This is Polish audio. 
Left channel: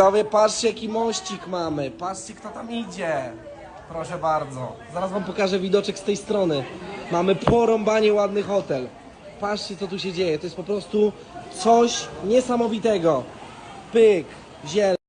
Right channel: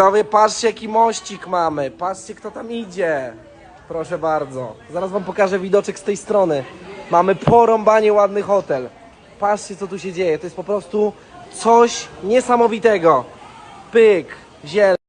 No Widzowie, patrzcie jaki mościk mamy. Patrzcie kto tam idzie. Proszę bardzo. Zaraz wam pokażę widoczek z tej strony. Mamy porąbanie ładny hotel. Patrzcie co tu się dzieje. To jest po prostu coś niesamowitego. Pyk, ziel.